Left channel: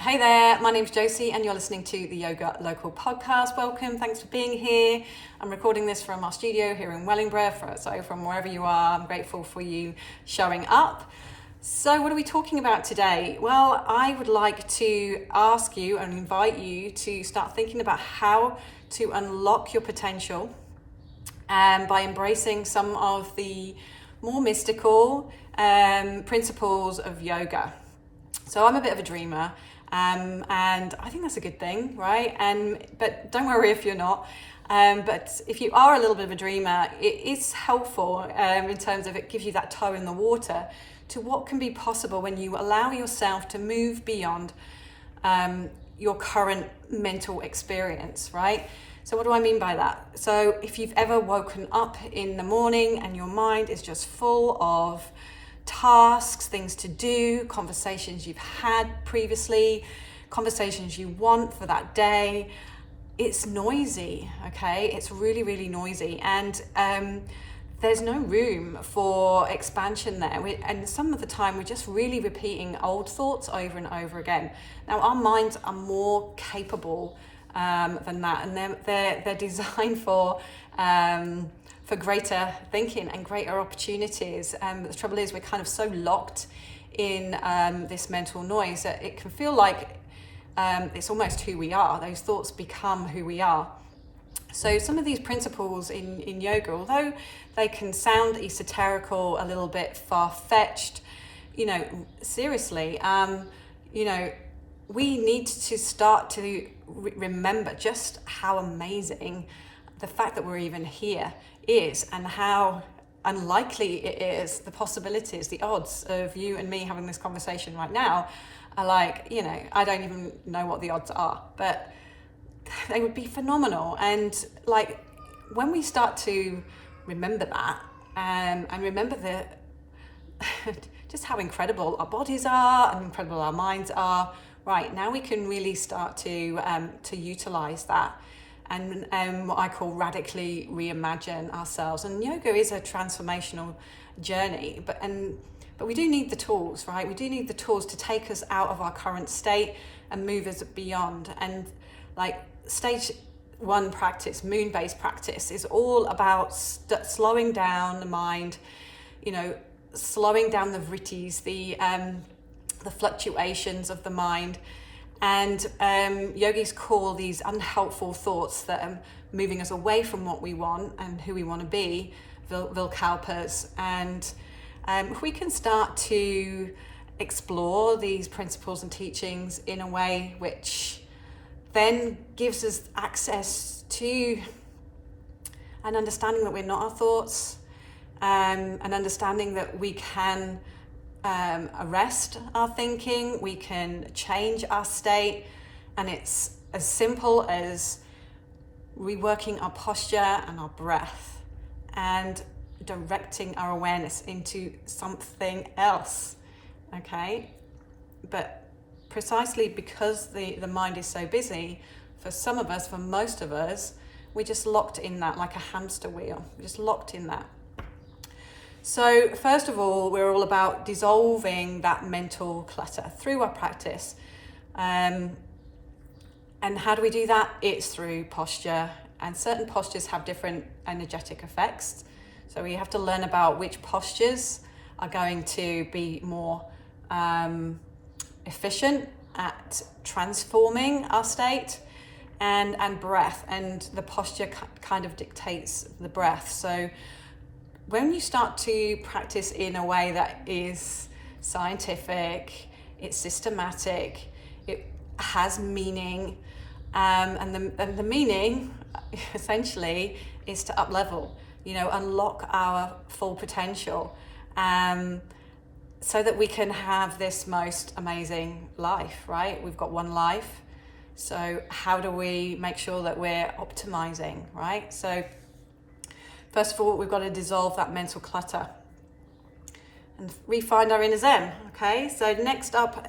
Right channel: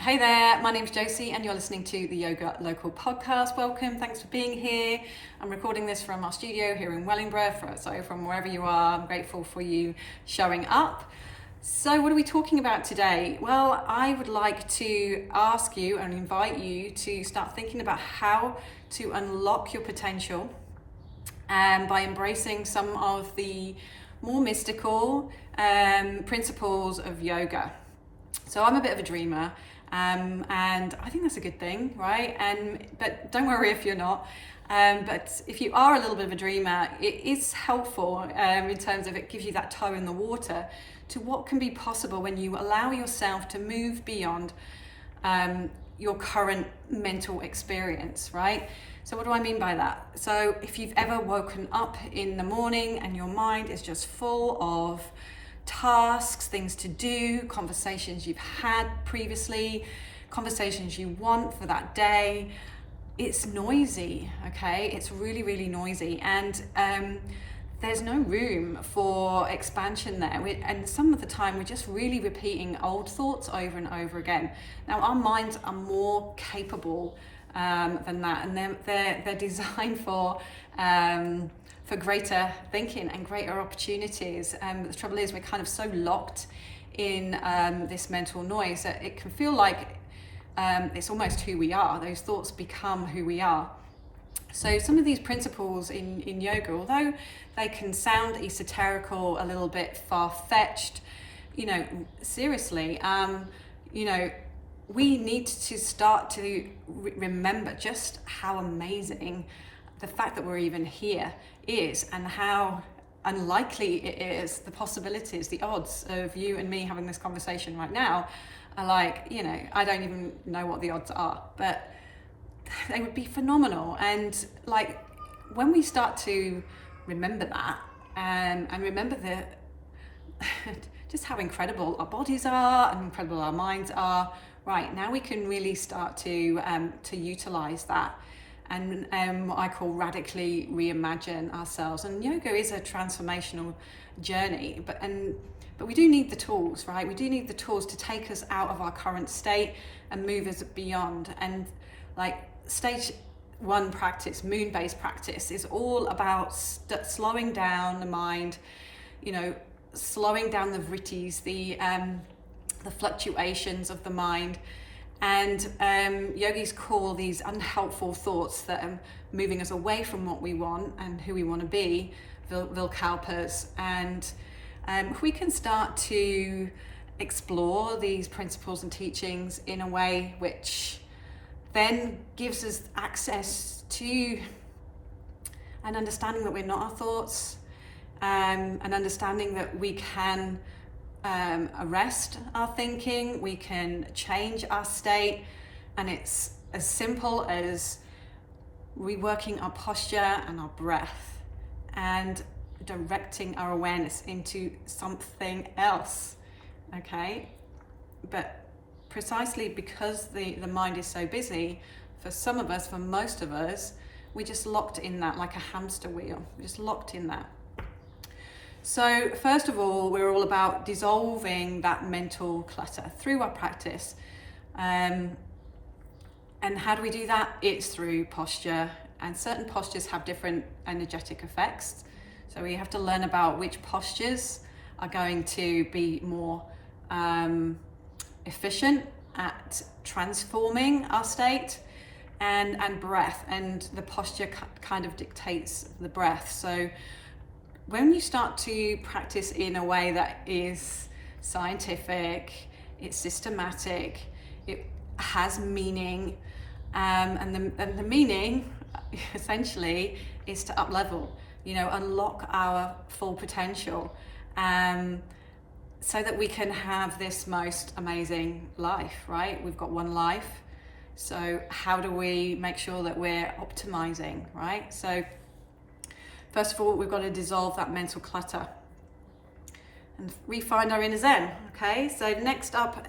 Hey there, my name's Josie and you're listening to the Yoga Local podcast. Welcome, thanks for being here. I'm recording this from our studio here in Wellingborough, so from wherever you are, I'm grateful for you showing up. So what are we talking about today? Well, I would like to ask you and invite you to start thinking about how to unlock your potential by embracing some of the more mystical principles of yoga. So I'm a bit of a dreamer. And I think that's a good thing, right? But don't worry if you're not. But if you are a little bit of a dreamer, it is helpful in terms of it gives you that toe in the water to what can be possible when you allow yourself to move beyond your current mental experience, right? So what do I mean by that? So if you've ever woken up in the morning and your mind is just full of tasks, things to do, conversations you've had previously, conversations you want for that day, it's noisy, okay? It's really, really noisy, and there's no room for expansion there. And some of the time we're just really repeating old thoughts over and over again. Now our minds are more capable than that, and they're designed for greater thinking and greater opportunities. The trouble is we're kind of so locked in this mental noise that it can feel like it's almost who we are. Those thoughts become who we are. So some of these principles in yoga, although they can sound esoterical, a little bit far-fetched, seriously, we need to start to remember just how amazing the fact that we're even here is, and how unlikely it is, the possibilities, the odds of you and me having this conversation right now are like, I don't even know what the odds are, but they would be phenomenal. And like when we start to remember that and remember just how incredible our bodies are and incredible our minds are, right, now we can really start to utilize that and what I call radically reimagine ourselves. And yoga is a transformational journey, but we do need the tools, right? We do need the tools to take us out of our current state and move us beyond. And like stage one practice, moon-based practice, is all about slowing down the mind, slowing down the vrittis, the fluctuations of the mind. And yogis call these unhelpful thoughts that are moving us away from what we want and who we want to be, Vilkalpas. And if we can start to explore these principles and teachings in a way which then gives us access to an understanding that we're not our thoughts, an understanding that we can arrest our thinking, we can change our state, and it's as simple as reworking our posture and our breath and directing our awareness into something else, okay? But precisely because the mind is so busy, for some of us, for most of us, we're just locked in that like a hamster wheel. We're just locked in that. So first of all, we're all about dissolving that mental clutter through our practice. And how do we do that? It's through posture, and certain postures have different energetic effects. So we have to learn about which postures are going to be more efficient at transforming our state, and breath, and the posture kind of dictates the breath. So when you start to practice in a way that is scientific, it's systematic, it has meaning, and the meaning essentially is to up-level, unlock our full potential, so that we can have this most amazing life, right? We've got one life, so how do we make sure that we're optimizing, right? So first of all, we've got to dissolve that mental clutter and re-find our inner zen, okay? So next up,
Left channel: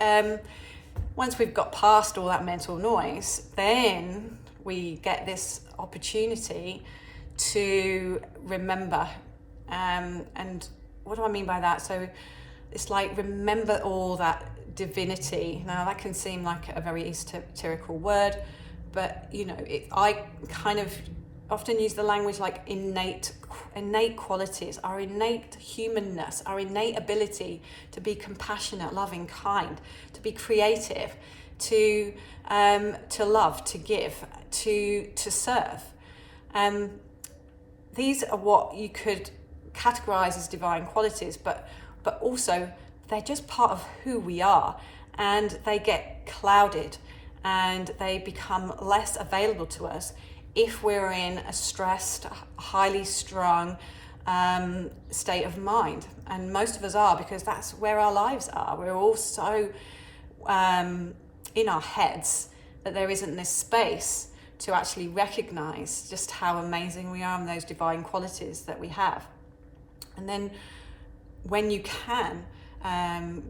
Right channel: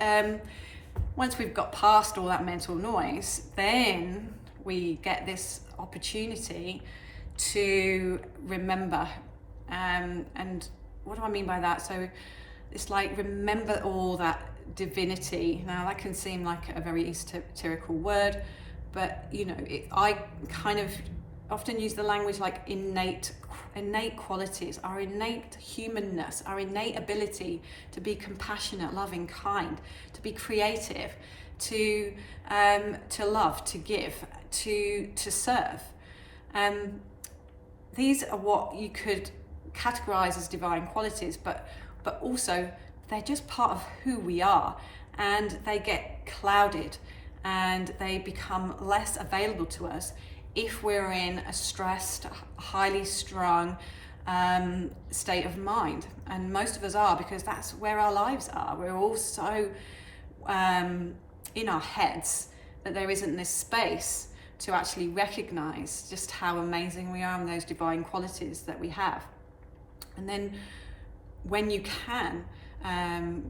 once we've got past all that mental noise, then we get this opportunity to remember. And what do I mean by that? So it's like remember all that divinity. Now that can seem like a very esoterical word, but I kind of often use the language like innate qualities, our innate humanness, our innate ability to be compassionate, loving, kind, to be creative, to love, to give, to serve. These are what you could categorize as divine qualities, but also they're just part of who we are, and they get clouded and they become less available to us if we're in a stressed, highly strung state of mind. And most of us are, because that's where our lives are. We're all so in our heads that there isn't this space to actually recognize just how amazing we are and those divine qualities that we have. And then when you can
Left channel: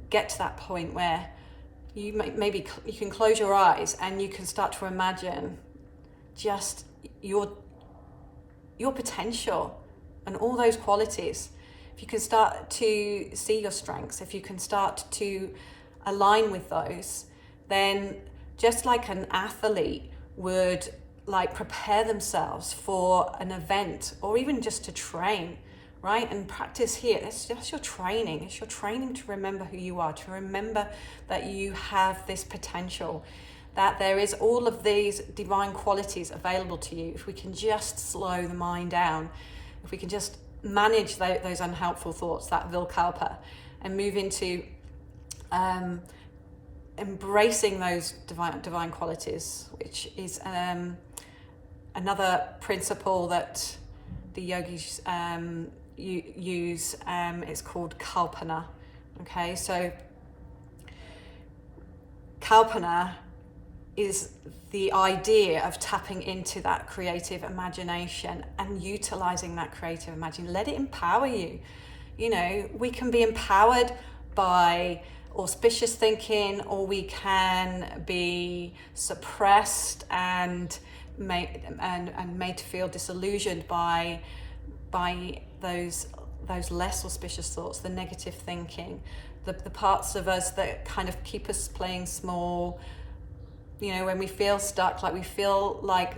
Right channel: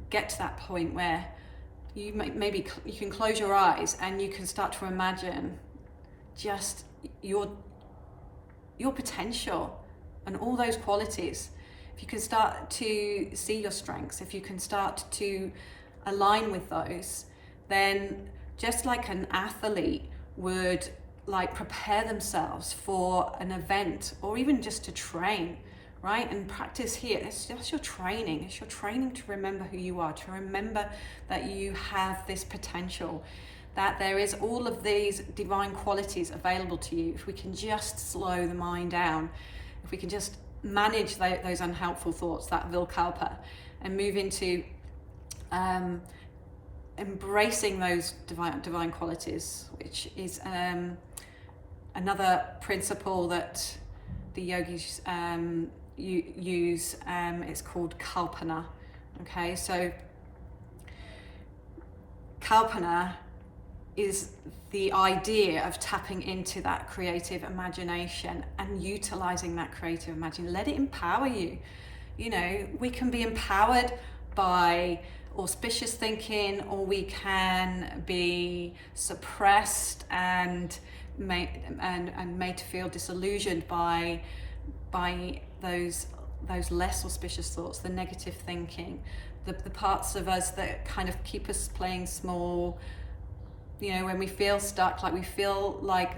get to that point where maybe you can close your eyes and you can start to imagine just your potential and all those qualities. If you can start to see your strengths, if you can start to align with those, then just like an athlete would like prepare themselves for an event, or even just to train, right? And practice here, it's just your training. It's your training to remember who you are, to remember that you have this potential, that there is all of these divine qualities available to you. If we can just slow the mind down, if we can just manage those unhelpful thoughts, that Vilkalpa, and move into embracing those divine qualities, which is another principle that the yogis use. It's called kalpana. Okay, so kalpana is the idea of tapping into that creative imagination and utilizing that creative imagination. Let it empower you. We can be empowered by auspicious thinking, or we can be suppressed and made to feel disillusioned by those less auspicious thoughts, the negative thinking, the parts of us that kind of keep us playing small. When we feel stuck, like we feel like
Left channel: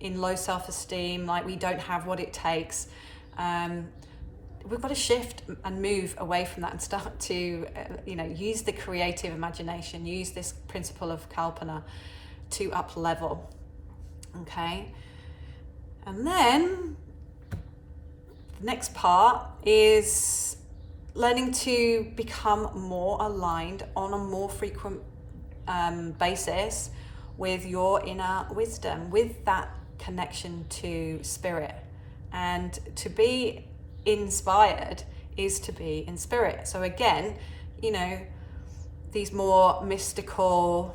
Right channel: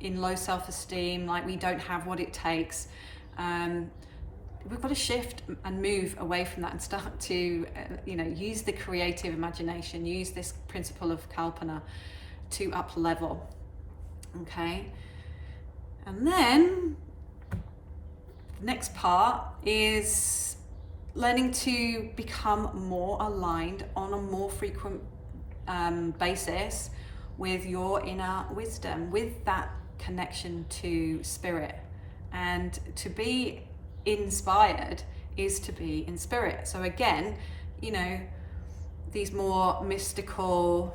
in low self-esteem, like we don't have what it takes, we've got to shift and move away from that and start to use the creative imagination, use this principle of kalpana to up level. Okay, and then the next part is learning to become more aligned on a more frequent basis with your inner wisdom, with that connection to spirit. And to be inspired is to be in spirit. So again, these more mystical,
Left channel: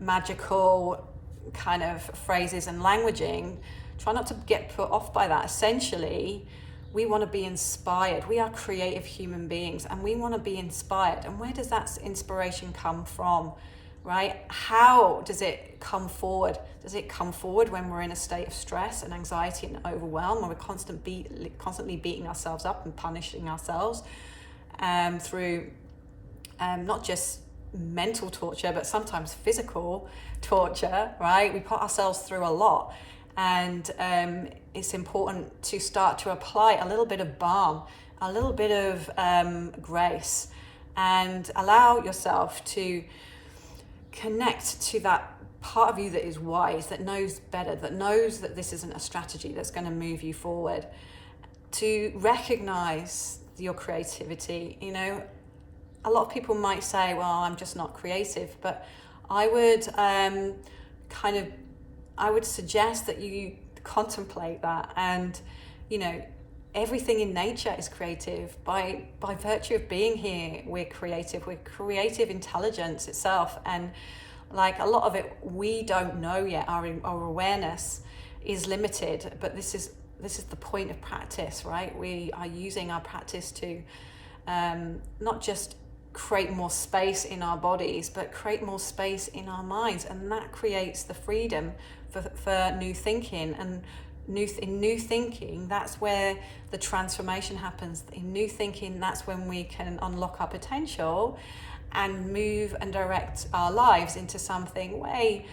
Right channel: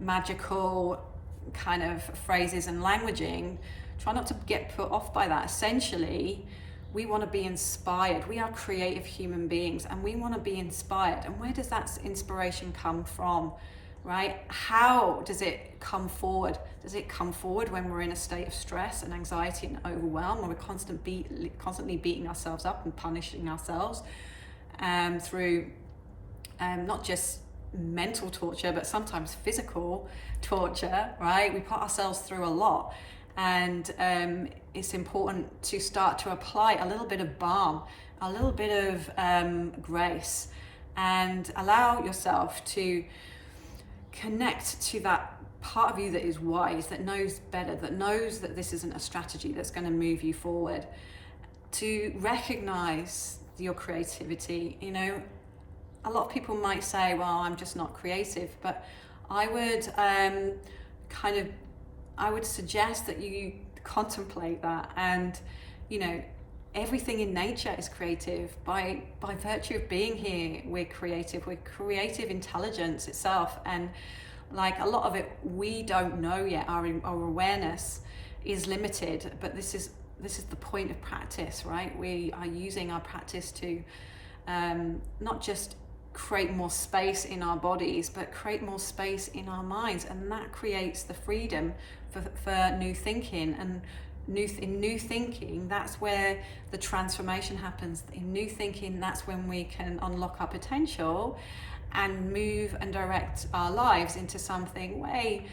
magical kind of phrases and languaging, try not to get put off by that. Essentially, we want to be inspired. We are creative human beings, and we want to be inspired. And where does that inspiration come from, right? How does it come forward? Does it come forward when we're in a state of stress and anxiety and overwhelm, where we're constantly beating ourselves up and punishing ourselves through not just mental torture, but sometimes physical torture, right? We put ourselves through a lot. And it's important to start to apply a little bit of balm, a little bit of grace, and allow yourself to connect to that part of you that is wise, that knows better, that knows that this isn't a strategy that's going to move you forward, to recognize your creativity. A lot of people might say, well, I'm just not creative, but I would I would suggest that you contemplate that. And everything in nature is creative. By virtue of being here, we're creative intelligence itself. And like a lot of it we don't know yet. Our awareness is limited, but this is the point of practice, right? We are using our practice to not just create more space in our bodies, but create more space in our minds, and that creates the freedom for new thinking. And in new thinking, that's where the transformation happens. In new thinking, that's when we can unlock our potential and move and direct our lives into something way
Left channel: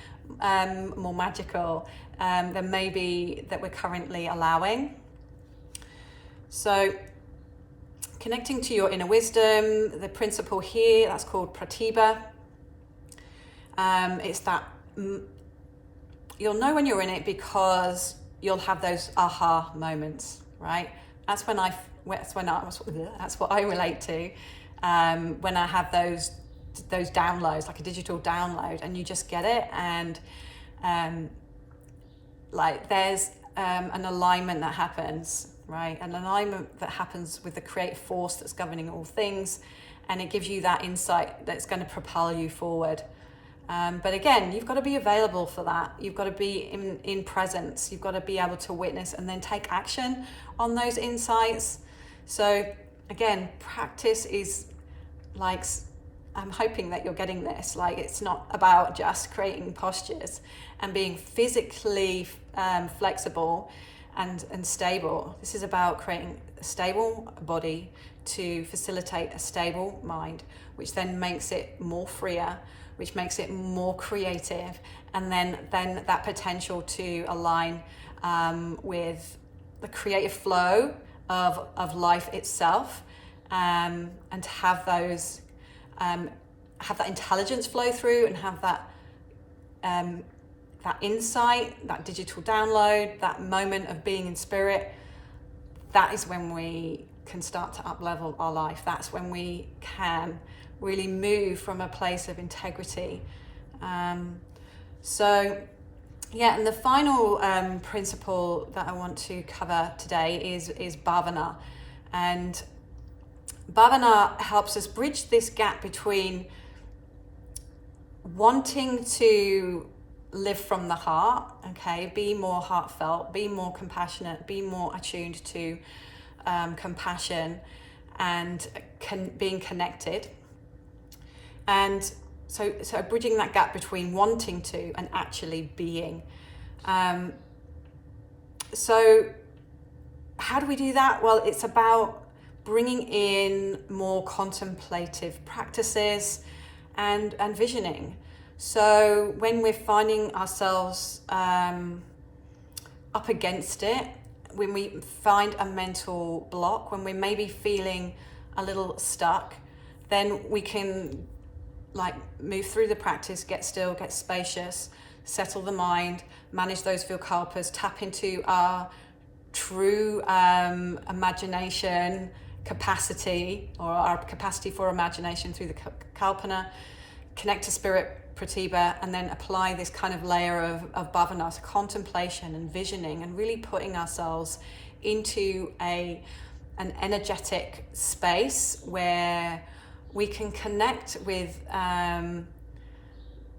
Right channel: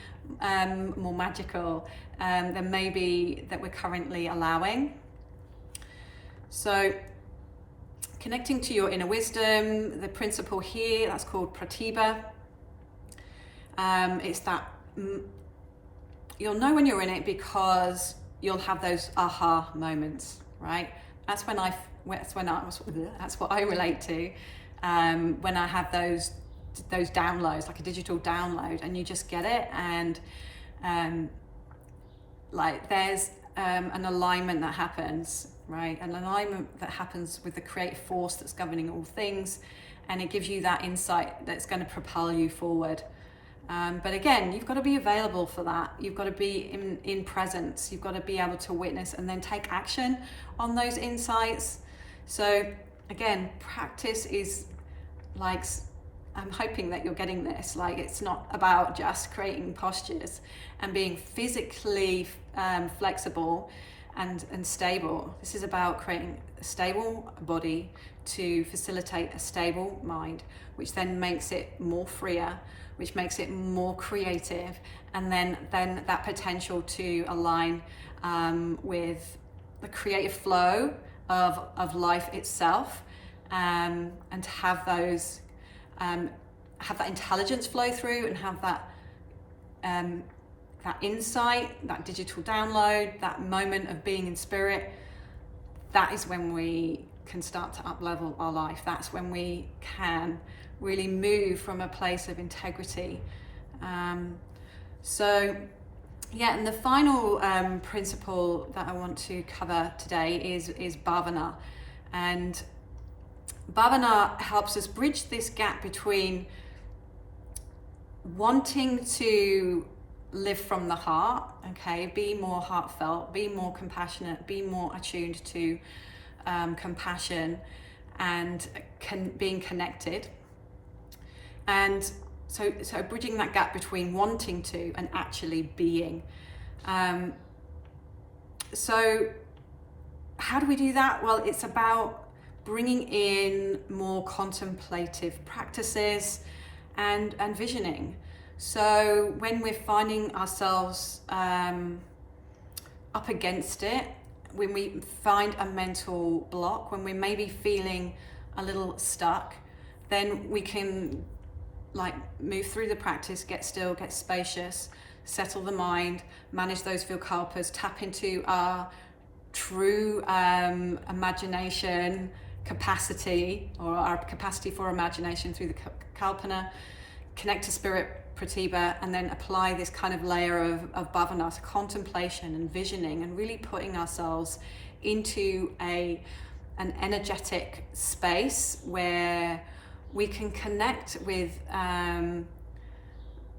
more magical than maybe that we're currently allowing. So connecting to your inner wisdom, the principle here, that's called pratibha. It's that you'll know when you're in it because you'll have those aha moments, right? That's what I relate to when I have those downloads, like a digital download, and you just get it, and like there's an alignment that happens, right? An alignment that happens with the creative force that's governing all things, and it gives you that insight that's going to propel you forward. But again, you've got to be available for that. You've got to be in presence. You've got to be able to witness and then take action on those insights. So again, practice is like, I'm hoping that you're getting this. Like, it's not about just creating postures and being physically flexible and stable. This is about creating a stable body to facilitate a stable mind, which then makes it more freer, which makes it more creative, and then that potential to align with the creative flow of life itself, and to have those have that intelligence flow through, and have that insight, that digital download, that moment of being in spirit. That is when we can start to up-level our life. That's when we can really move from a place of integrity. So yeah, and the final principle that I want to cover today is bhavana. And bhavana helps us bridge this gap between wanting to live from the heart, okay, be more heartfelt, be more compassionate, be more attuned to compassion and being connected. And so bridging that gap between wanting to and actually being. So how do we do that? Well, it's about bringing in more contemplative practices and visioning. So when we're finding ourselves up against it, when we find a mental block, when we're maybe feeling a little stuck, then we can like move through the practice, get still, get spacious, settle the mind, manage those vikalpas, tap into our true imagination capacity, or our capacity for imagination through the kalpana, connect to spirit pratibha, and then apply this kind of layer of bhavana, so contemplation and visioning, and really putting ourselves into an energetic space where we can connect with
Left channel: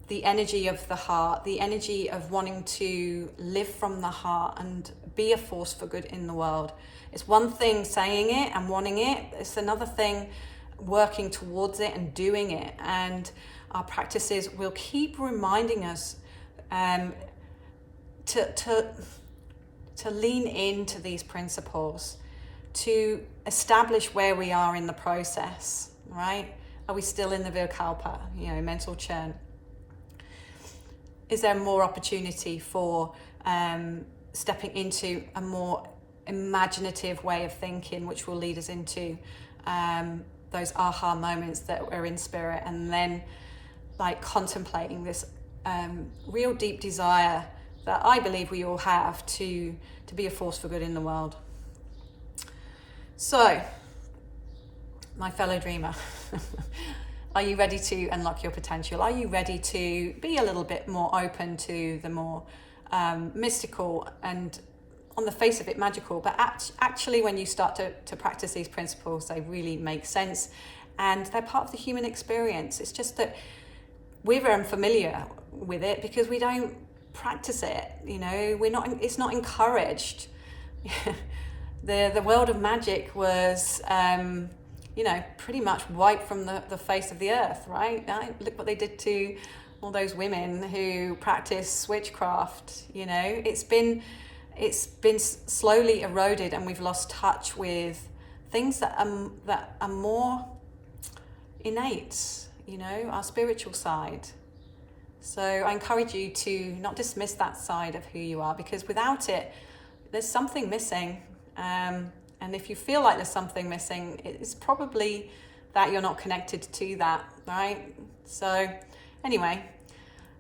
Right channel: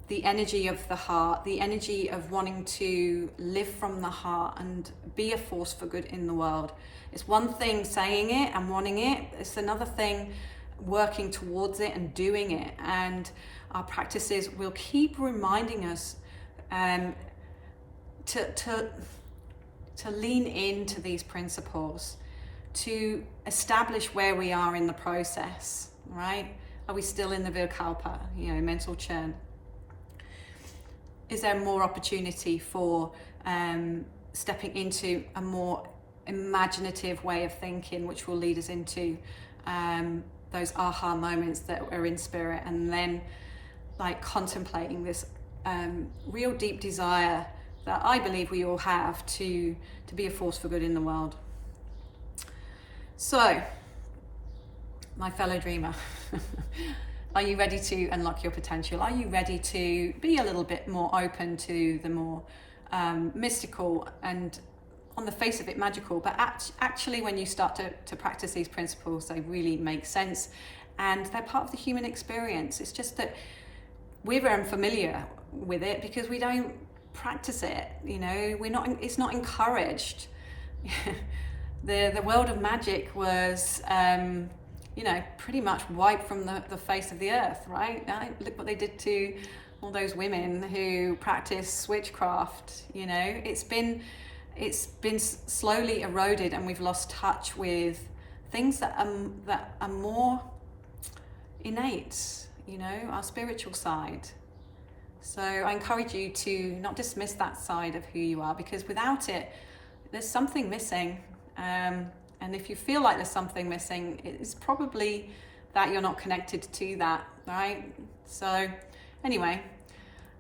the energy of the heart, the energy of wanting to live from the heart and be a force for good in the world. It's one thing saying it and wanting it, it's another thing working towards it and doing it. And our practices will keep reminding us to lean into these principles, to establish where we are in the process, right? Are we still in the vikalpa, mental churn? Is there more opportunity for stepping into a more imaginative way of thinking, which will lead us into those aha moments that we're in spirit, and then like contemplating this real deep desire that I believe we all have to be a force for good in the world. So, my fellow dreamer, are you ready to unlock your potential? Are you ready to be a little bit more open to the more mystical and, on the face of it, magical, but actually when you start to practice these principles, they really make sense and they're part of the human experience. It's just that we're unfamiliar with it because we don't practice it. It's not encouraged. The world of magic was pretty much wiped from the face of the earth, right? Look what they did to all those women who practice witchcraft. It's been slowly eroded, and we've lost touch with things that are more innate. you know, our spiritual side. So I encourage you to not dismiss that side of who you are, because without it, there's something missing. And if you feel like there's something missing, it's probably that you're not connected to that, right? So anyway,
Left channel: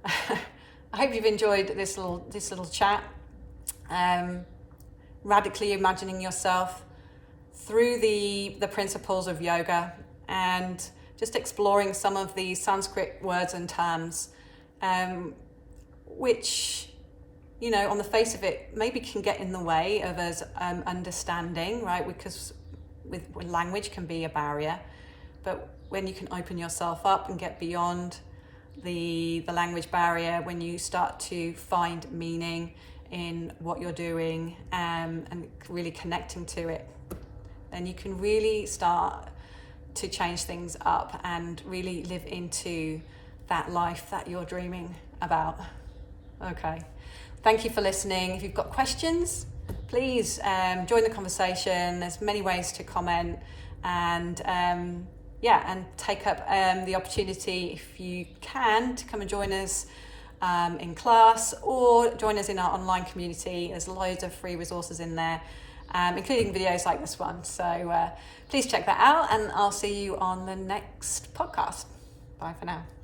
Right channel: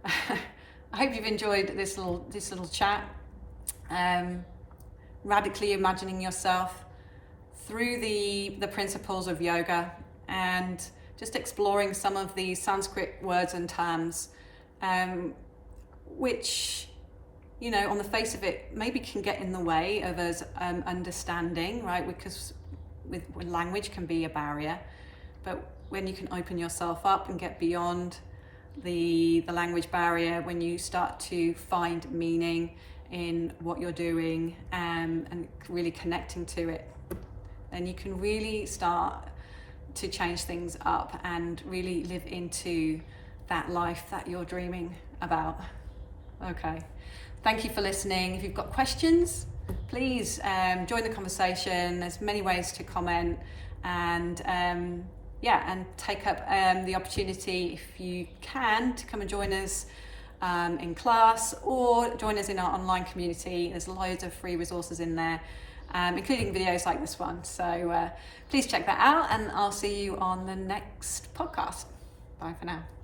I hope you've enjoyed this little chat. Radically imagining yourself through the principles of yoga, and just exploring some of the Sanskrit words and terms, which, you know, on the face of it, maybe can get in the way of us understanding, right? Because with language can be a barrier, but when you can open yourself up and get beyond the language barrier, when you start to find meaning in what you're doing, and really connecting to it, then you can really start to change things up and really live into that life that you're dreaming about. Okay. Thank you for listening. If you've got questions, please join the conversation. There's many ways to comment, and and take up the opportunity, if you can, to come and join us in class, or join us in our online community. There's loads of free resources in there, including videos like this one. So please check that out, and I'll see you on the next podcast. Bye for now.